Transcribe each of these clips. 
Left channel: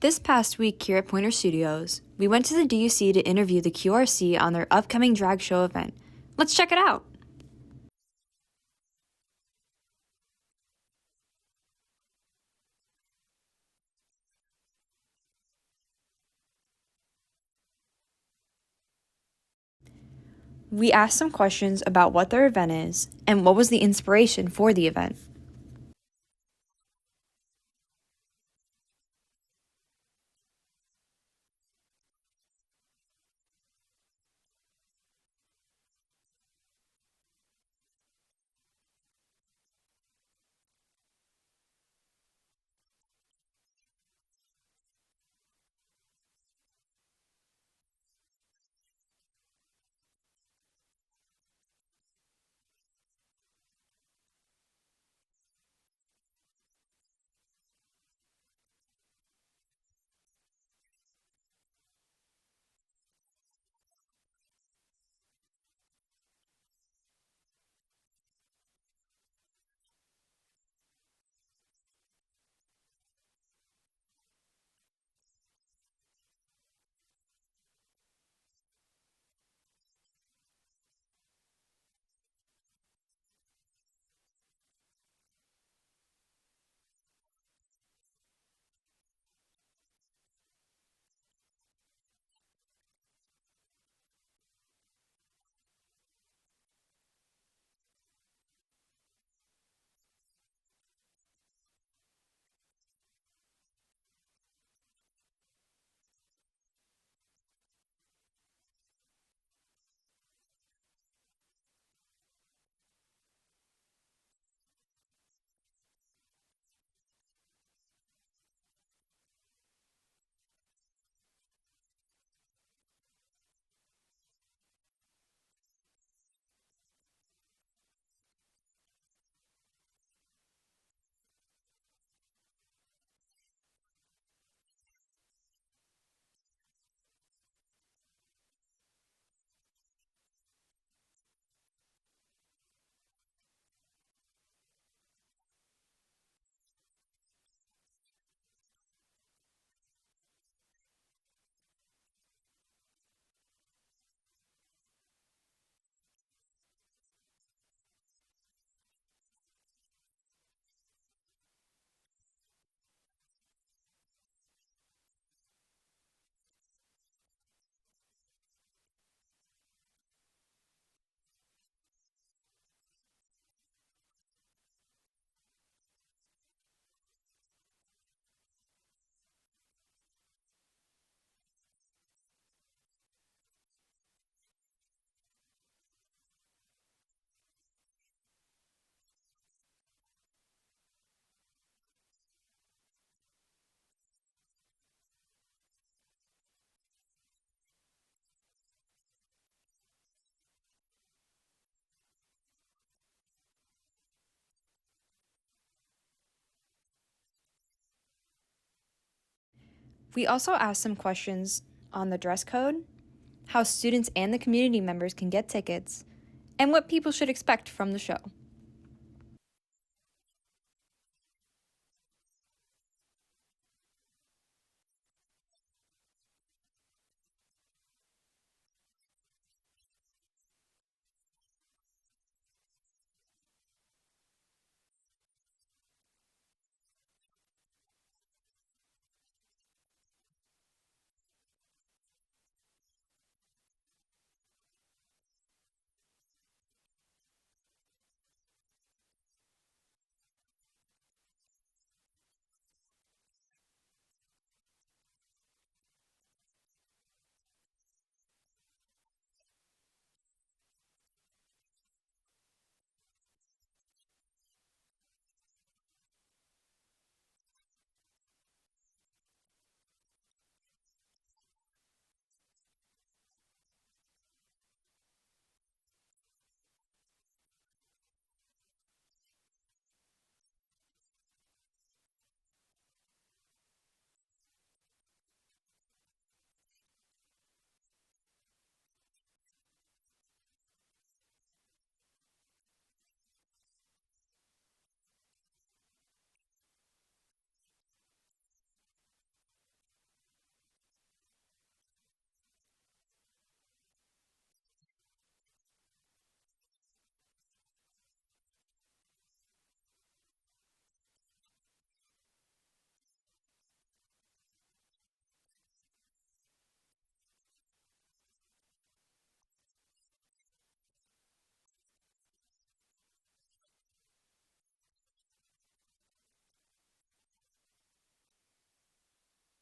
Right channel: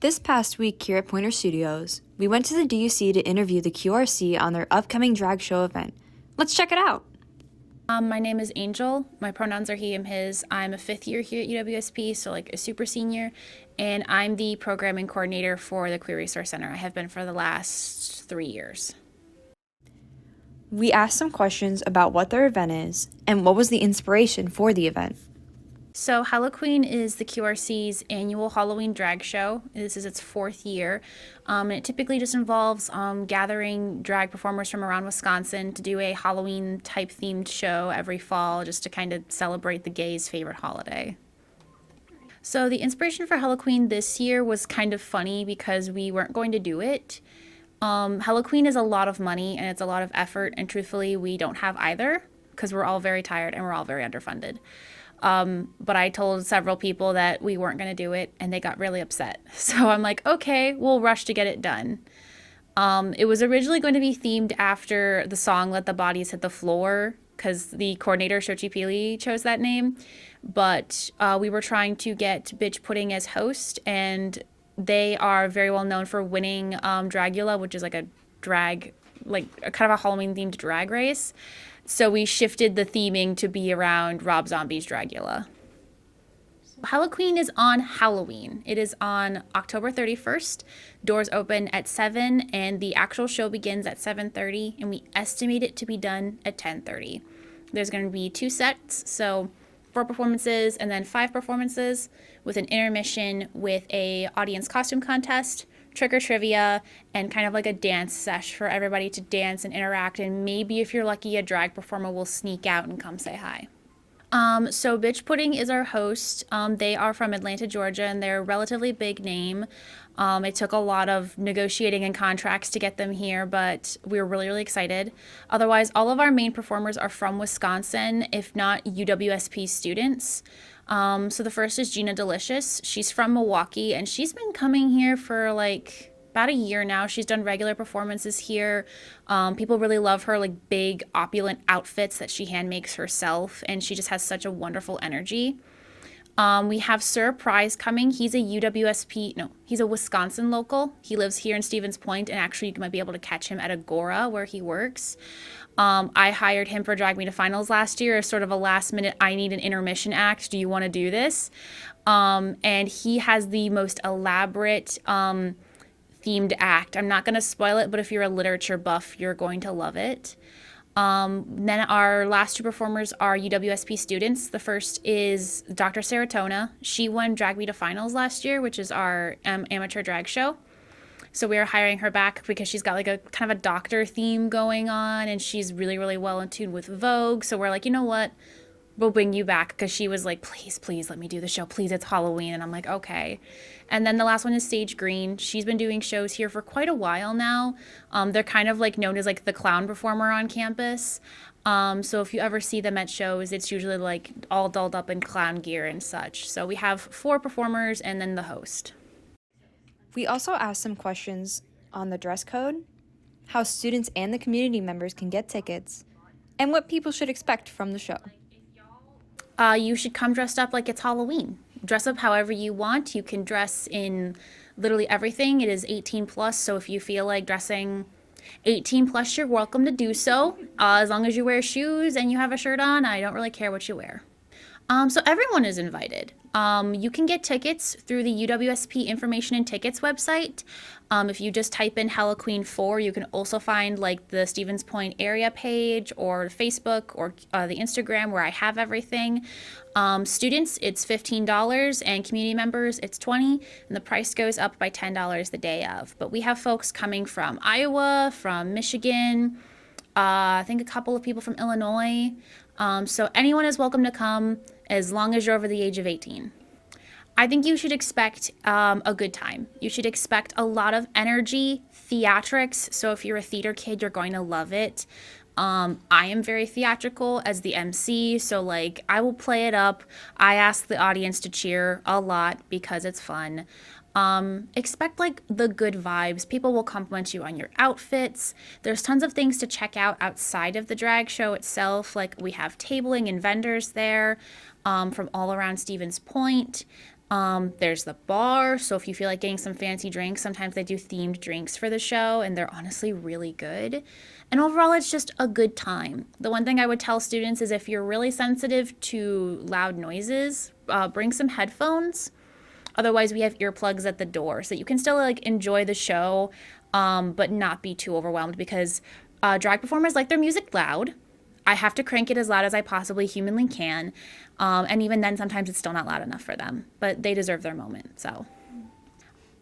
This past week here at Pointer Studios, we went to the DUC to interview the QRC on their upcoming drag show event. Let's check it out. My name is Angel. My pronouns are he, him, his. I'm a fifth year here at UWSP, so like a super senior, and I'm the programming coordinator for the Queer Resource Center. I have been for the last 3 years. We asked some questions about what their event is and what was the inspiration for the event. So HELLAQUEEN is the QRC's annual Halloween drag show. This is its 4th year. And it typically just involves gathering drag performers from around Wisconsin to do a Halloween type themed show every fall just to kind of celebrate the gays' favorite holiday. So the inspiration for HELLAQUEEN this year was kind of funny because we weren't going to do it. HELLAQUEEN is a lot of money and it's a lot of effort, and truthfully we don't have either because we're all very tired and we're all very underfunded. But I told several people that we weren't going to do it and they got really upset. So I'm like, okay, we'll rush to get it done. It was originally going to be themed after the song Let the Bodies Hit the Floor because the coordinator, Shochi Pili, chose that name. But we were trying to get Bitch Pudding as host, and they are very well known for winning Dragula, which is like a drag, like a kind of a Halloween themed drag race. So we shifted the theming to be around Rob Zombie's Dragula. HELLAQUEEN is on Halloween. It is on October 31st. Doors open at 7 and the actual show begins at 7:30, and we estimate it to be done at 10:30. There's going to be 2 sets, so 4 performances and then 5 performances with an intermission with a audience costume contest, trick or trivia, and kind of like a dance sesh for everybody to dance and interact, and maybe if you're lucky a drag performer will sneak out and come say hi. So Bitch Pudding is our host. They are from Atlanta, Georgia, and they're a relatively big name. It took a lot of negotiating and contracts to get them here, but we were really, really excited. Otherwise, all of our main performers are from Wisconsin, if not UWSP students. So the first is Gina Delicious. She's from Milwaukee, and she's been coming here for like about a year now. She's done regular performances here. People really love her like big opulent outfits that she hand makes herself, and she just has such a wonderful energy. We have Sir Prize coming. He's a Wisconsin local. He lives here in Stevens Point, and actually you might be able to catch him at Agora where he works. I hired him for Drag Me to Finals last year as sort of a last minute, I need an intermission act. Do you want to do this? And he has the most elaborate themed act. I'm not going to spoil it, but if you're a literature buff, you're going to love it. Then our last 2 performers are UWSP students. The first is Dr. Serotonia. She won Drag Me to Finals last year, which is our amateur drag show. So we are hiring her back because she's got like a kind of a doctor theme going on, and she's really, really well in tune with Vogue. So we're like, you know what? We'll bring you back, because she was like, please let me do the show. Please, it's Halloween. And I'm like, okay. And then the last one is Sage Green. She's been doing shows here for quite a while now. They're kind of like known as like the clown performer on campus. So if you ever see them at shows, it's usually like all dolled up in clown gear and such. So we have 4 performers and then the host. We also asked some questions on the dress code, how students and the community members can get tickets, and what people should expect from the show. You should come dressed up like it's Halloween. Dress up however you want. You can dress in literally everything. It is 18 plus, so if you feel like dressing 18 plus, you're welcome to do so. As long as you wear shoes and you have a shirt on, I don't really care what you wear. So everyone is invited. You can get tickets through the UWSP Information and Tickets website. If you just type in HELLAQUEEN 4, you can also find like the Stevens Point area page or Facebook or the Instagram where I have everything. Students, it's $15, and community members, it's $20, and the price goes up by $10 the day of. But we have folks coming from Iowa, from Michigan, I think a couple of people from Illinois. So anyone is welcome to come as long as you're over the age of 18. I think you should expect a good time. You should expect a lot of energy, theatrics. So if you're a theater kid, you're going to love it. I am very theatrical as the MC, so like I will play it up. I ask the audience to cheer a lot because it's fun. Expect like the good vibes. People will compliment you on your outfits. There's tons of things to check out outside of the drag show itself. Like we have tabling and vendors there from all around Stevens Point. There's the bar, so if you feel like getting some fancy drinks, sometimes they do themed drinks for the show, and they're honestly really good. And overall, it's just a good time. The one thing I would tell students is if you're really sensitive to loud noises, bring some headphones. Otherwise, we have earplugs at the door, so you can still like enjoy the show, but not be too overwhelmed because drag performers like their music loud. I have to crank it as loud as I possibly humanly can. And even then, sometimes it's still not loud enough for them, but they deserve their moment. So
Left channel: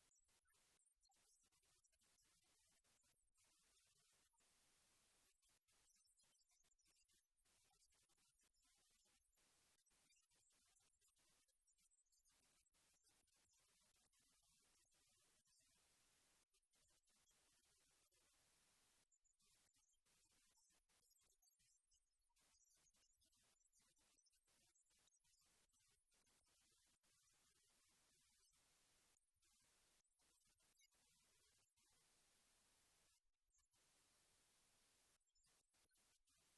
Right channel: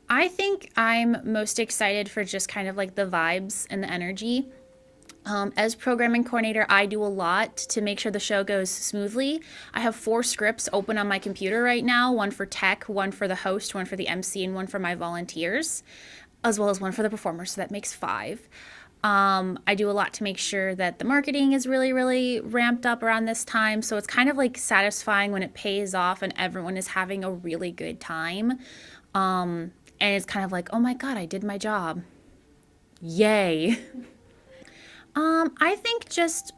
I think I'm most excited for just kind of like the vibes and the energy. As programming coordinator, I do a lot to make sure the show goes smoothly. I have 4 scripts open on my computer right now, one for tech, one for the host, one for the MC, and one for my volunteers, as well as one for the performers, so that makes 5. I do a lot to make sure that the marketing is really, really ramped up around this time. So it's kind of like satisfying when it pays off and everyone is having a really good time. And it's kind of like, oh my God, I did my job. Yay. I think just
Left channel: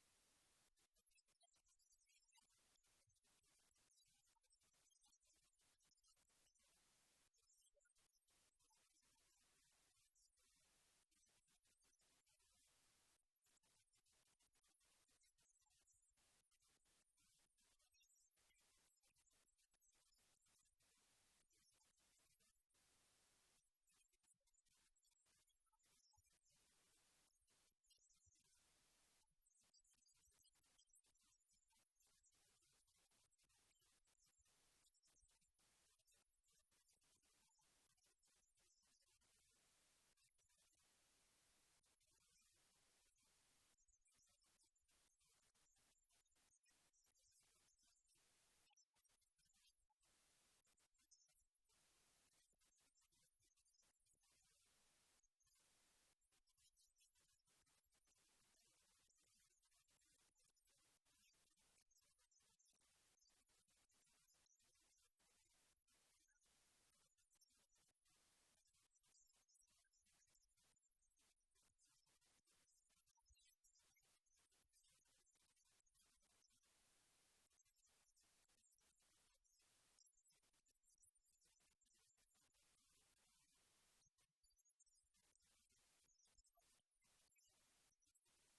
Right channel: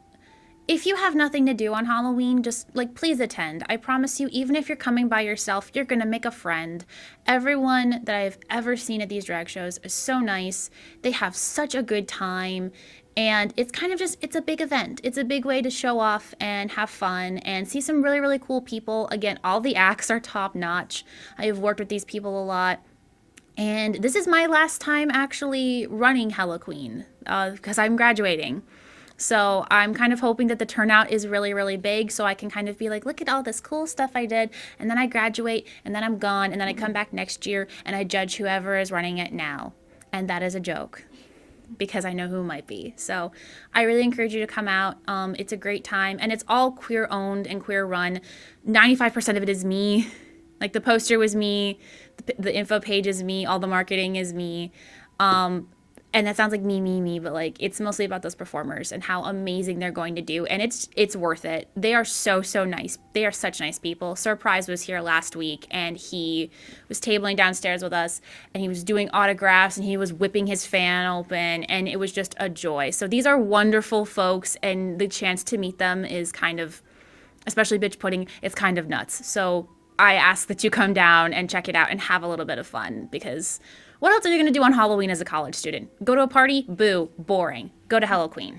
if you have nothing to do on Halloween, just like please attend. I promise you, even if you're coming by yourself, you're gonna make a friend. Everyone that I've ever seen at these drag shows is so nice. They have such a good time. And it's kind of just, it's a big event. It's a big way to show off and have fun and see some really, really cool people. Again, all the acts are top notch. I have worked with these people a lot. And this is my last time actually running HELLAQUEEN because I'm graduating. So I'm kind of hoping that the turnout is really, really big so I can kind of be like, look at all this cool stuff I did. And then I graduate and then I'm gone and then I come back next year and I judge whoever is running it now. And that is a joke because I know who might be. So I really encourage you to come out. It's a great time and it's all queer owned and queer run. 95% of it is me. Like the poster was me. The info page is me, all the marketing is me. And that sounds like me, but like it's mostly about those performers and how amazing they're going to do. And it's worth it. They are so nice. They are such nice people. Surprise was here last week and he was tabling downstairs with us and he was doing autographs and he was whipping his fan open and it was just a joy. So these are wonderful folks and the chance to meet them is kind of, especially bitch pudding, it's kind of nuts. So I ask that you come down and check it out and have a little bit of fun because what else are you going to do on Halloween as a college student? Go to a party? Boo, boring. Go to HELLAQUEEN.